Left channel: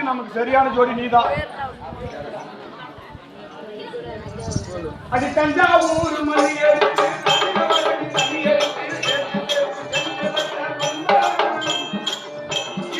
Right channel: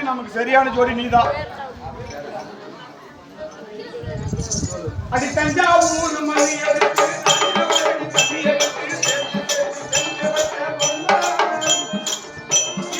எடுத்து நமக்கு சரியான ஜோடி நீதான். அடி தஞ்சாவூர் மணி எடுத்து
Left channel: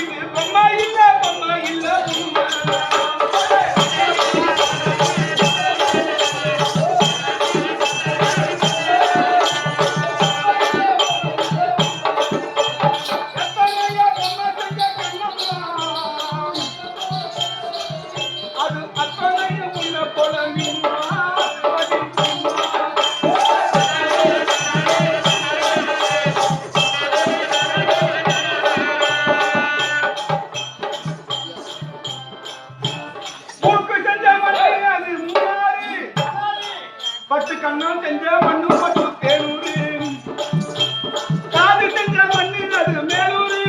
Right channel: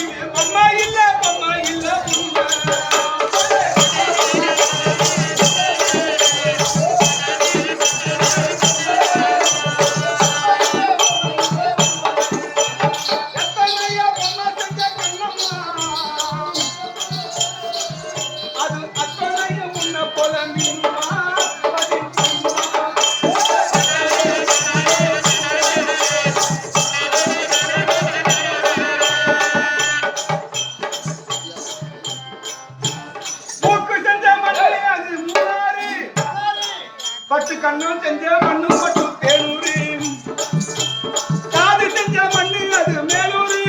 இது பொம்மா இல்ல பட்டு கண்ணும் செஞ்ச மண்ணும் பட்டு தேனூரு காது செஞ்ச மண்ணு அது மேலூரு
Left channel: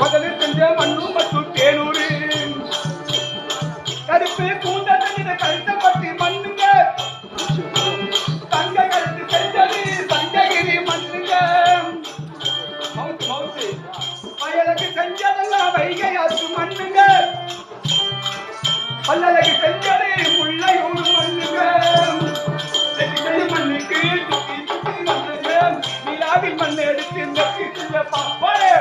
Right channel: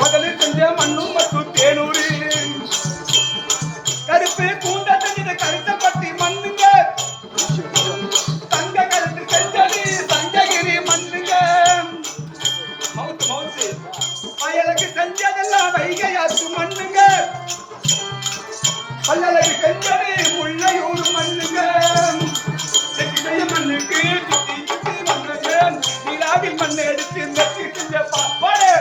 முதலில் செஞ்ச மண்ணும் மற்றும் தேனூரு கருப்பு கூண்ட செஞ்ச கருத்த பட்டி மண்ணுங்க தங்க கருத்து செஞ்சது தங்ககிரி மண்ணுங்க மவுத்து வயலுக்கு செஞ்சதெல்லாம் வைகையாற்று மண்ணுங்க பல்லழகு செஞ்சது முள்ளையூர் மண்ணுங்க மண்ணுக்கு சுத்தி சுத்தி வந்தது நிலாவில் மண்ணை எடுத்து இந்த பாப்பாடு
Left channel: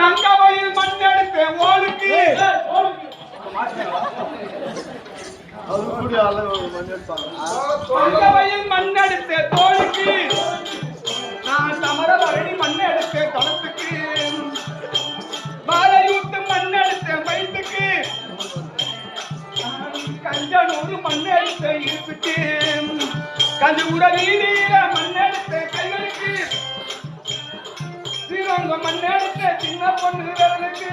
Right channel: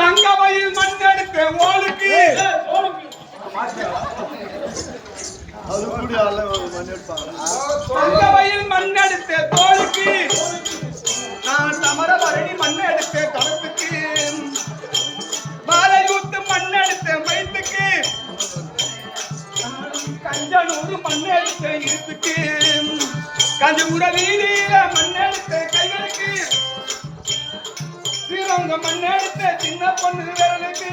தங்கமயில் மண் எடுத்த ஓளுக்கு தங்கமயில் மண் எடுத்த தோளுக்கு நான் தமர பரணி மண் எடுத்த தளத்துக்கு பாலையூத்து மண் எடுத்த மைத்துக்கு கஞ்சனூர் மண் எடுத்த இருப்புக்கு கஞ்சபுர வீதியில மண் எடுத்த கைகளுக்கு ஸ்ரீரங்க மண் எடுத்த சின்ன பொண்ணு விரலுக்கு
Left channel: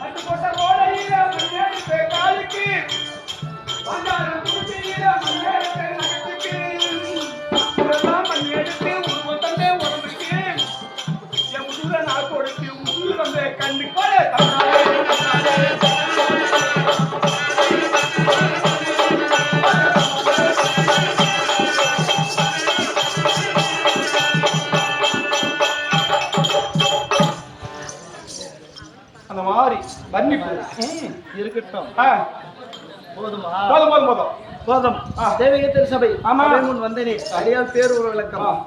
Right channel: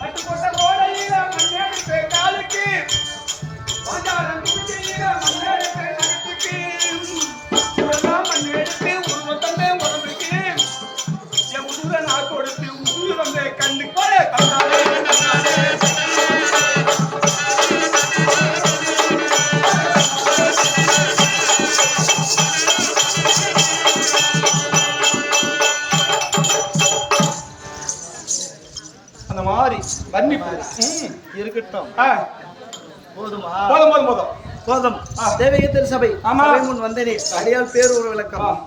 பட்டுக்கோட்டை கோடையில மண் எடுத்த காலுக்கு பாஞ்சாரம் குச்சியில மண் எடுத்த நகத்துக்கு இதெல்லாம் மண் எடுத்து உருவம் தந்த உடம்புக்கு என் உசுர நான் கொடுத்து உசுர் வந்த கண்ணு போல தமிழ்நாடு அந்த மாதிரி வர்ணிப்பு இருக்கட்டும். போதுமா? போதும் போதும் போதும் போதும். தேவகி திருசபை முன் வந்தேனே அடியால் பேர் ஒரு விளக்கம்.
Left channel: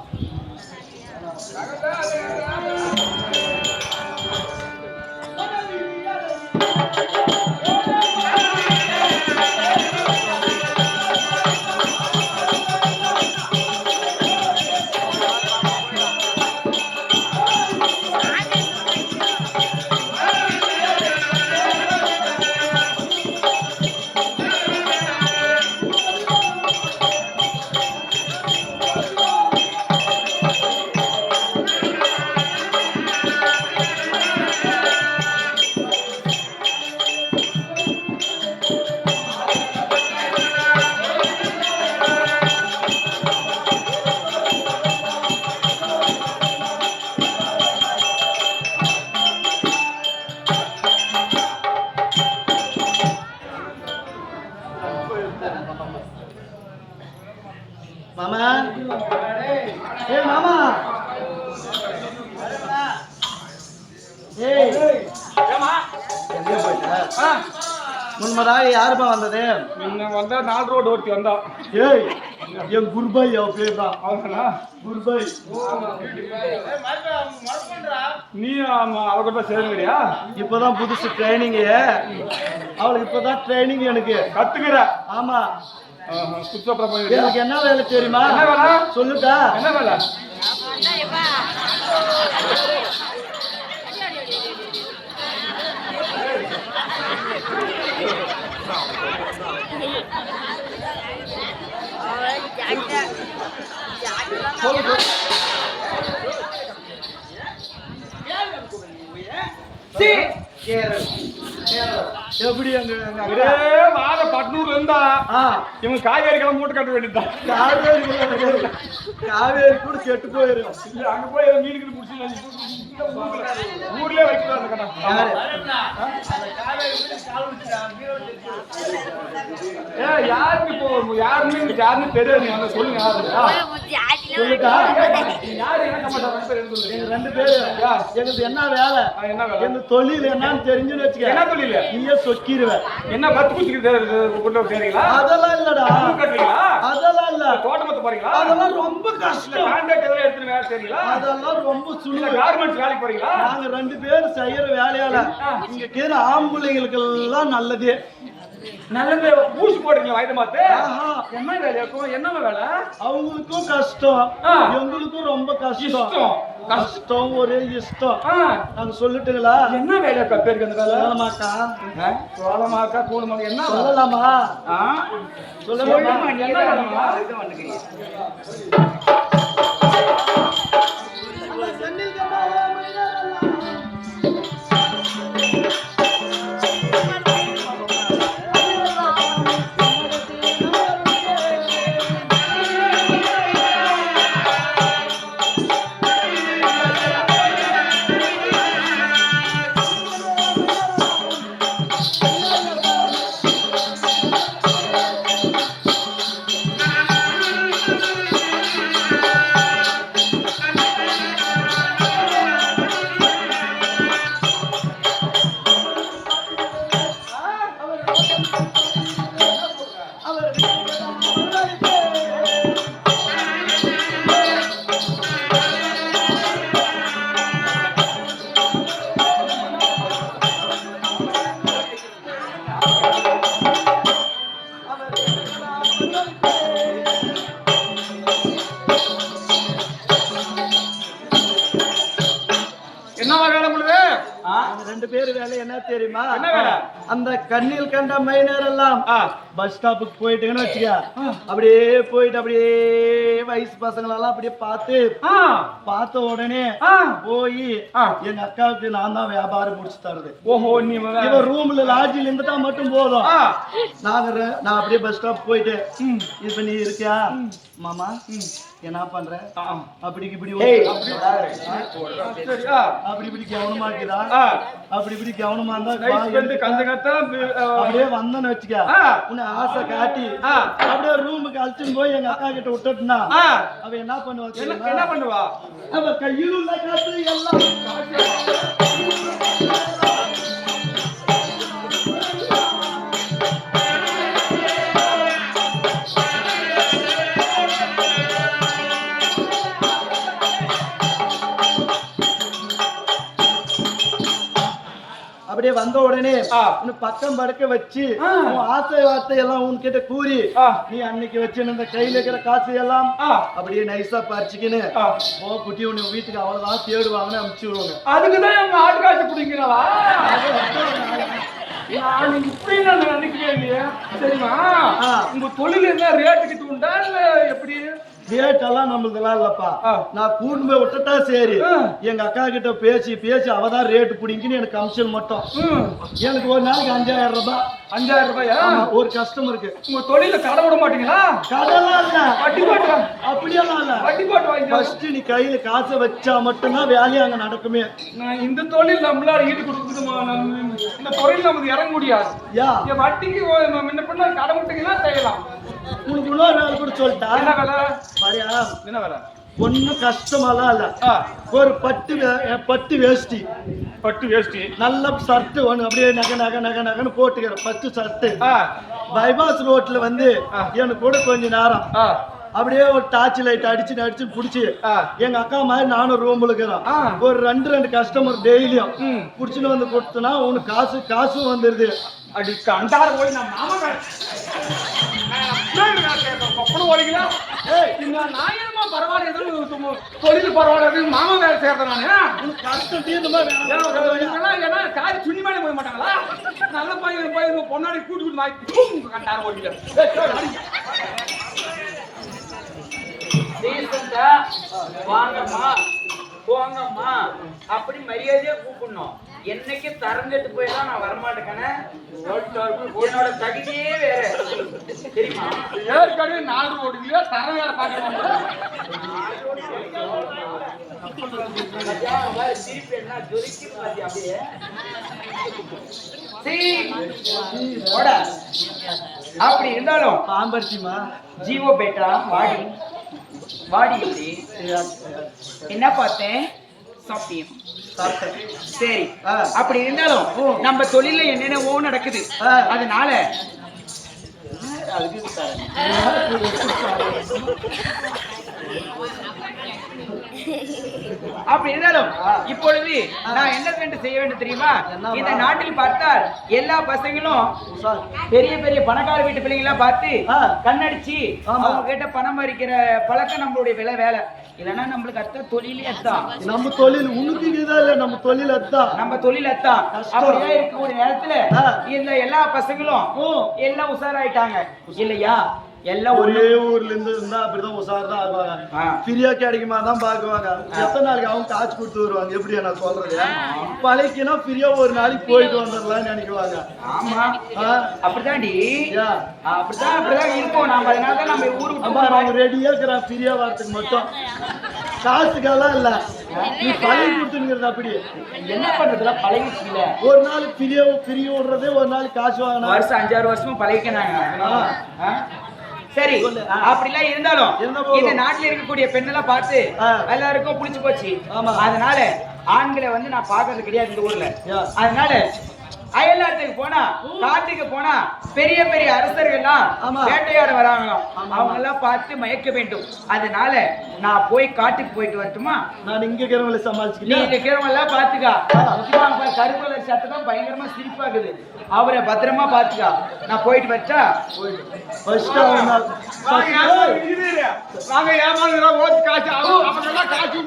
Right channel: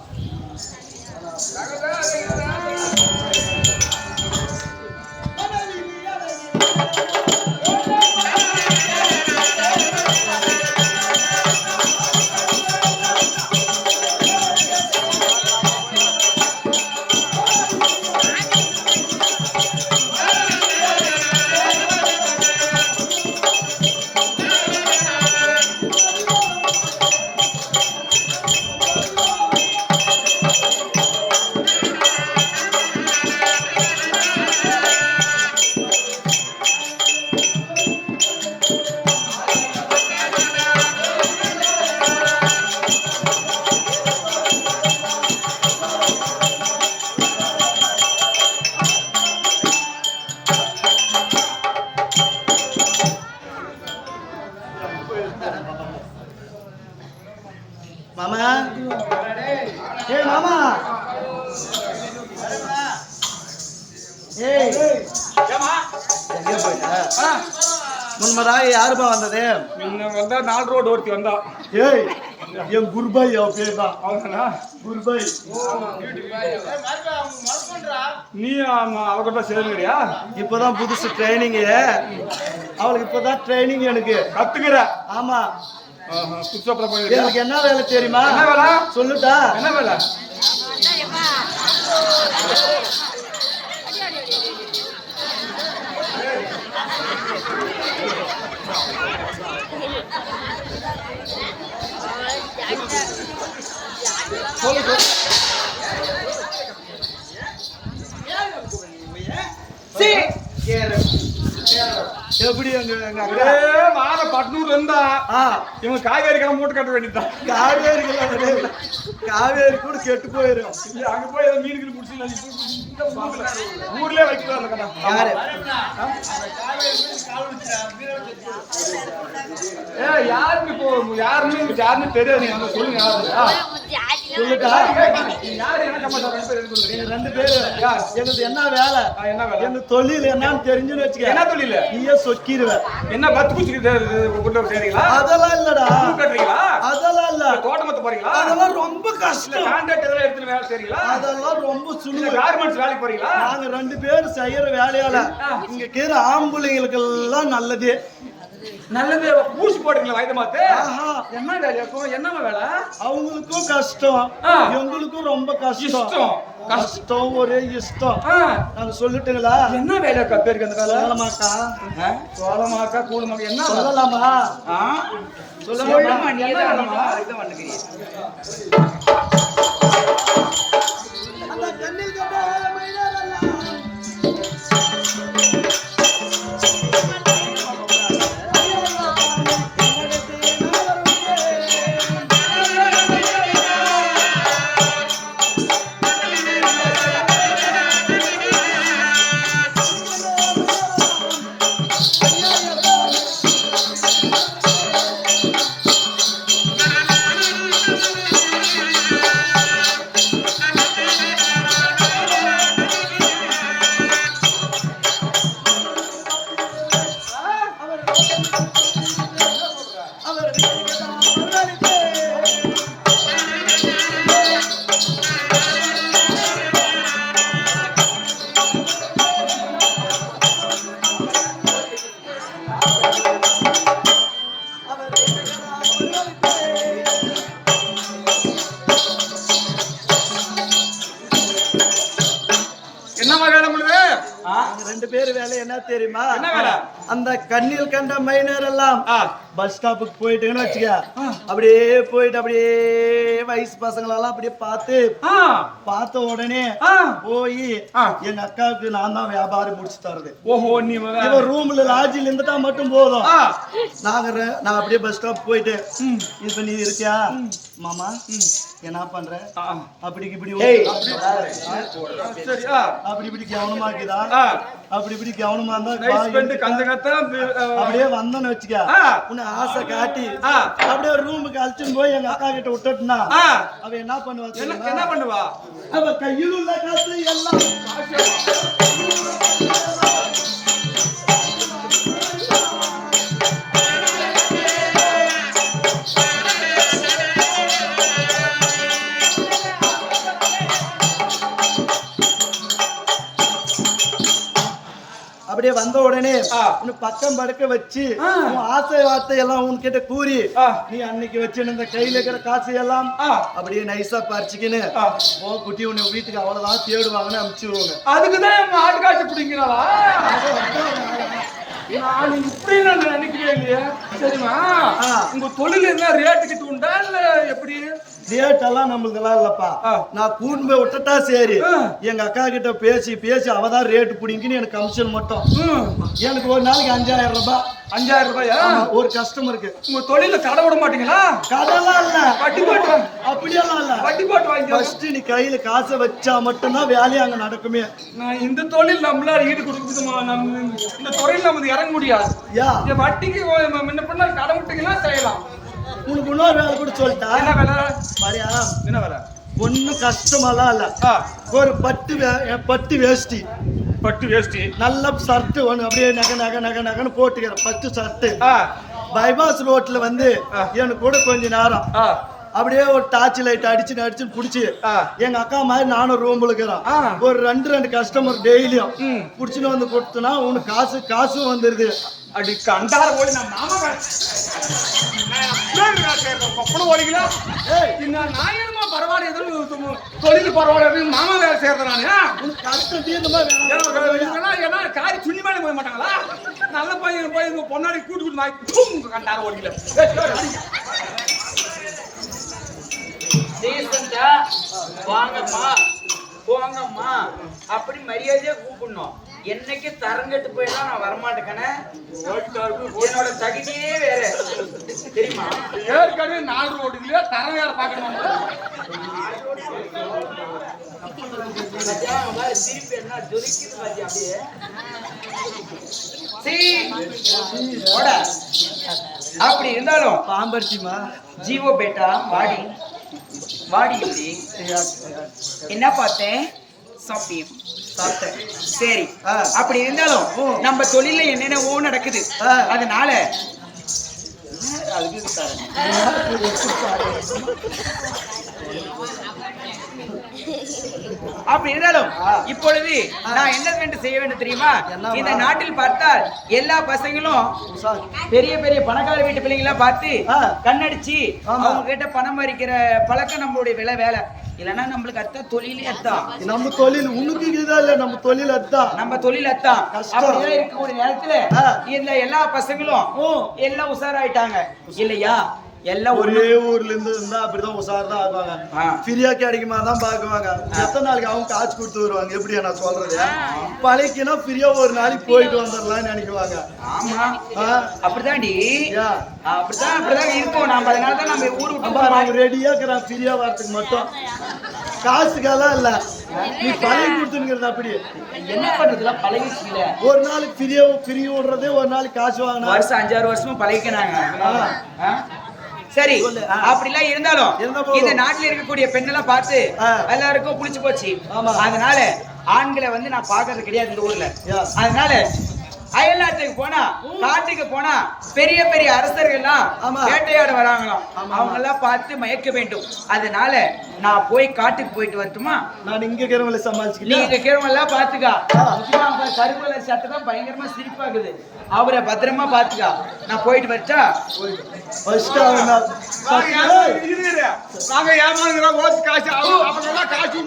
மாமா, ஏய் மாமா, ஏய் ஏமா முன்மராக யாருப்பா வந்தது? முன்ன வந்தா 4 ரோடு ஒருத்தி வந்தா. ஏய் என் குருபாய் அவ பேர் தான். அவனா குருபாய். நீ அவ கூட சேருங்கறியா? இப்பதான் புதுசு ட்ரைனிங். அவளுக்கு இப்பதான் ட்ரைனிங் எனக்கு கத்துக்கற. ஆமா. புதுசா பண்ணிருக்க. எனக்கு என்ன வேலை தெரியுமா? என்ன வேலை? சொல்லுடா. என்ன வேலை? எப்படி வார பட்னூர்ல இருந்தா இவங்க காவேரி கிளம்ப மூட்டை கட்ட வேண்டியதுதான். காவேரி கூட கெட்டு போயிடும். அங்க போய் மீனுக்கு முடிச்சு ஊர்லயே வைக்கலாம் அந்த கடை. யாருக்கு இப்போ யாருன்னு தெரியாது. நீங்க சொல்லுங்க சொல்லுக்கா யாரு என்ன கமாண்டா 2 பேர் சொல்லுங்க. எங்க 2 பேரு எனக்கு என்ன வேலை என்ன வேலை? எங்க தொழில் என்னன்னு தெரிஞ்சுன்னு வச்சுக்க. என்ன தொழில்? நீயே சொக்கிடுவ. என்ன பத்து குச்சிக்கு கொண்டு போறீங்களா? அதெல்லாம் இல்லடா. கட்டுறீங்களா? அதெல்லாம் இல்ல. தோட்டமத்த போறீங்களா? அதெல்லாம் ரொம்ப கஷ்டம். கான்ட்ராக்ட் எல்லாம் எடுத்து வேலை செய்றீங்களா? அதெல்லாம் ரொம்ப சுலு. கார்மெண்ட்ஸ் வேலைக்கு போறீங்களா? நாங்க 2 பேர் செய்யற வேலையால இங்க கீழ ஆம்பளைங்களுக்கு எல்லாம் நல்லது நல்லது. பூசி போடுறீங்களா வயது மாத்து? என்ன வேலையாக்கும்? என்ன வேலை? அவங்களுக்கும் கஷ்டம், எங்களுக்கும் ரொம்ப கஷ்டம். கஷ்டம் ஒரே இஷ்டம். நாங்க சொல்லிட்டுங்களா? என்ன வேலையாக்கா பேருக்கு அந்த வேலை? சோளமாக்கா கூடுமாக்கா என்ன சொல்லலாமா? சொல்லலாமா? என்ன வேலைமா? அதுதான் வந்துக்கிறீங்க. அந்த கண்ணில் கண்டா என்னவா வேலை முழுது? 2 பேர் வேலை என்ன தெரியுமா? என்ன வேலை? அந்த கண்ணில் கண்ட மைனர் எல்லாம் பஸ் ஸ்டாப்புக்கு போயிட்டுன்னு வச்சுக்க. அப்படியே போயிட்டு அப்படியே வயசு பசங்களெல்லாம் அப்படியே பார்த்த உடனே போய் எங்க அக்காவுக்கு நான் தான் வியாபாரம் முடிச்சு தருது. ஓஹோ, நீ ரூம்ல லாட்ஜில் இருந்துட்டா மட்டும் போதும். நான் அப்படியே பஸ் ஸ்டாப் போயிட்டு இப்ப நீ இருக்கியா மாமா என்ன பண்ற அப்படி இப்படி அப்படி கவனமாக்குதா அப்படி கவனமா இருந்தா அப்படியே வந்தோன்னு வச்சுக்க. உன்னை ஆசை காட்டி அப்படியே ரூமுக்கு அழைச்சுன்னு போய் எங்க அக்கா கிட்ட விட்டுட்டுனா அவ என்ன பண்ணுவா? அவ கையில் உள்ள காசு எல்லாம் அப்படியே வந்த உடனே உன்னை பக்கம் படுக்க வச்சு உன் ஆசை வார்த்தை எல்லாம் உன்கிட்ட கூறி நீ அன்னைக்கு வச்சிருந்த கையில இருக்கிற காசு எல்லாம் அப்படியே நைஸா பறிச்சுக்கின்னு குட்டி உன்னை வீட்டுக்கு அவ்வளவுதான் தேடுவாங்கன்னு அனுப்பிச்சு விடுவாங்க. அதுக்குதான் எங்க ஆட்டு காசு பிடிங்கிறவா? நான் இப்படி நினைக்கிறேன். சரிமா, உங்க தொழில் என்ன ரேட்டுக்கிட்டு உண்டா இல்ல எப்படி? ரேட் எல்லாம் நம்மளுக்கெல்லாம் இல்லப்பா. நான் கூண்டு போய் விட்டுட்டா சரி, எங்க அக்கா கிட்ட பேசி அவதான் ரேட்டு பிடிங்கின்னு எனக்கு கமிஷன் மட்டும். எனக்கு ஒரு நாளைக்கு 5000 ரூபாய். 5000 ரூபாயா ஒரு கஸ்டமருக்கு? உங்க தொழில கடை விட மாட்டீங்களா? கடைலாம் இல்ல, வட்டி போட்டு அப்படியெல்லாம் இல்ல. வட்டி போட்டு வாங்கி ஃபர்ஸ்ட் நீ கையில காசை வச்சா மட்டும்தான் வேலையை அங்க நடக்குமே. நான் இந்த தொழில் நம்மளால ஈடு கொடுக்குது. இந்த தொழில் நமக்கு இறங்க முடியாது. வட்டிக்கு முன்ன பண்ண கடை விட்டீங்கன்னா செய்யலாம். உனக்கு இன்னொரு வேலை கூட சொல்லிட்டா. என்ன வேலை? பாரியா, என்ன வேலை? ஒன்னும் கஷ்டமாலாம் இல்ல. ஒரு பட்டு வேஷ்டி நல்ல ஷர்ட் ஒண்ணு அப்படியே நகன்னு போட்டுக்கிறேன். பட்டு ஷர்ட் பைபாஸ் ரோட்ல வந்து எனக்கு கூட கொஞ்ச நேரம் அப்படியே ஒரு டார்ச் லைட் அடிச்சு புடிச்சு எங்க அக்கா மாதிரி நானும் ரூம்ல இருக்கிறோம். ஒரு 2 கஸ்டமர் டெய்லியும் புடிச்சுன்னு வந்து கொடுத்தனா உனக்கு காசும் வந்துருது. அடி கண்டார போய் நான் மாமா பரவாயில்ல, தொழில் பரவாயில்ல, மாமா வேலை சேர்றேன். காரி சுண்ணி மேலே போய் மாட்டாங்களா? நல்ல பையன் போய் பொன்னாடி கூட்டு கண்டார ஓடிக்கல. வாங்கம்மா போங்கம்மா அப்படி மரியாதையா கூப்பிடணும். என்னைக்கு தரங்கட்டு போயிடா நான் வரமாட்டேக்கனே. என்னோட தகுதியே வேற தெரியுமா? ஏற்கனவே 4 ஓடுங்க தரம் வேற பார்க்கணும். திருப்பி என்ன ஜொலிக்குது மத்தியா அப்படியே. அப்படி இருந்தாலும் பாம்பர்த்திமா ஜீவோ பேட்டா வாடி வாடி இப்படி என்ன பார்த்தேன் சாப்பிட்டியம் சரி அப்படி இருந்தாலும் நம்ம தொழில என்னென்னவோ நடக்குது அதனால அதுக்கு அப்படி இருந்தாலும் இப்பொழுது நான் என்ன வேண்டும் செய்ய வேண்டும் தெரியுமா? இந்த நாட்டில் பார்த்தால் எல்லா பசங்களும் பெரிய பெரிய பணக்கார வீட்டு பிள்ளைங்களா பார்த்து கண்ணடிச்சு அவங்க கிட்ட பணம் பறிக்கிற பழக்கம் நம்மளுடைய வேலை. இல்லன்னா நம்மளுக்கு அத்தான் தொழிலே அத்தான். நம்ம தொழில் உனக்கு இல்ல, நம்ம தொழில் அத்தான். நம்ம தொழில் அத்தான். அப்படியே இருக்கக்கூடிய நேரத்துல இந்த எல்லா பசங்களும் எல்லாம் உஷாராயிட்டாங்க இல்லையா? எல்லாம் ஒரே ஊர்ல இருந்து இருந்தா அப்படிதான் உஷார்தான் ஆகுவாங்க. ஃப்ரீயா கிடைக்குமா தான் பாக்குவாங்க. எத்தனை நாளைக்கு அவங்க காசு கொடுத்து வருவாங்க. எப்படியா நான் சொல்றது? பழைக்குன்னா ஃப்ரீயா ஒரு நாளைக்கு போயிட்டு வந்துடலாம்னு நினைக்குவாங்க. ஆமா அப்படிதான்டி. அப்படிதான் இருக்கும். நாம அதனாலதான் நம்ம ஊரு விட்டு ரெடியா இருக்கிறான் ஃப்ரீயா வரதுக்கு மட்டும். காசுக்கெல்லாம் இல்ல, நீ பழகி கொடுத்துங்கிறது. அப்படி என்ன பண்றதுல பழகிச்சு இல்ல. ஒரு நாள் ஃப்ரீ விடுறது, ஒரு நாள் காசு வாங்கினா வருஷம் 5-6 வருஷமும் பழகிக்கிறாங்க. சரி அப்படிலாம் இருந்தாலும் இந்த நாட்டுல இருக்கக்கூடிய பெண்ணெல்லாம் பார்த்து எல்லாருக்கும் புடிச்சு போச்சு. அதனால ஆண்களை வந்து நான் பாக்குறது கிடையாது இந்த ஊர்ல. அதனால அயல்நாட்டுக்கு போனா காட்டுக்கு போனா பெரிய பெரிய அரசர்கள்லாம் வேட்டையாட வராங்களாம். அவங்க எல்லாம் பார்த்து மயக்க வேண்டும். அதனால நான் போய் காட்டுக்கு போயிட்டு வரட்டுமா? நான் இங்க இருக்கிறவங்களை சமாளிச்சு நீங்க இருக்கிறவங்க எல்லாம் பாத்துக்கா. முக்கியமா கருப்பல சட்டை தான் பயங்கரமா சிரிப்பாக்குது. அவரை பத்திரமா பாத்துக்கா. நான் போயிட்டு வரட்டா? நாங்க ஏமாந்துறோம். ஓட்டு காசு அவங்க எல்லாம் காசு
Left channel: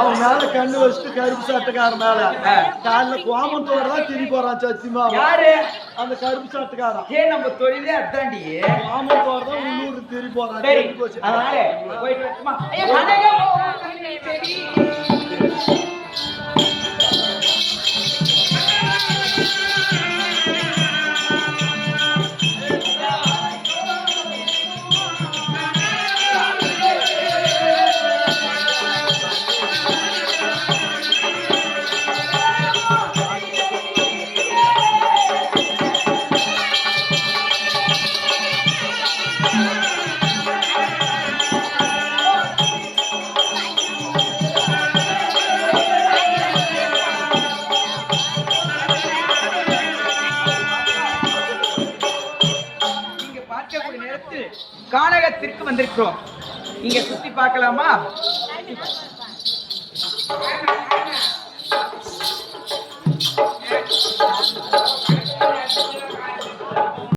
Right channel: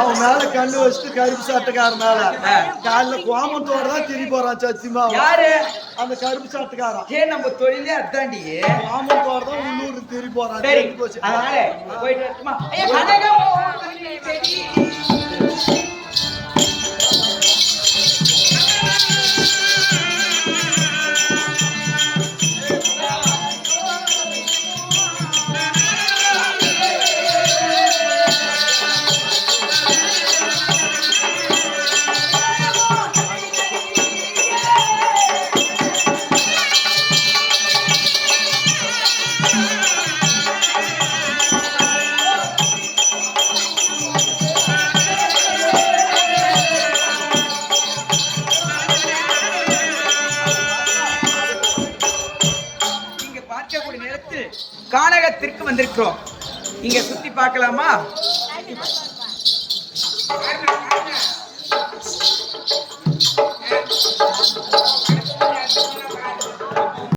அவன் மேல கண்ணு வச்சுட்டு கருப்பு சட்டக்காரன் மேல காலைல கோமத்தோட தான் திரும்பி போறான். சத்தியமா யாரு அந்த கருப்பு சட்டக்காரன்? நம்ம தொழிலே அதாண்டி. கோமத்தோட தான் உள்ளூருக்கு திரும்பி போறான். அதனால போயிட்டு வரட்டுமா? கானகத்திற்கு வந்திருக்கிறோம். இங்க சுத்தி பார்க்கலாமா?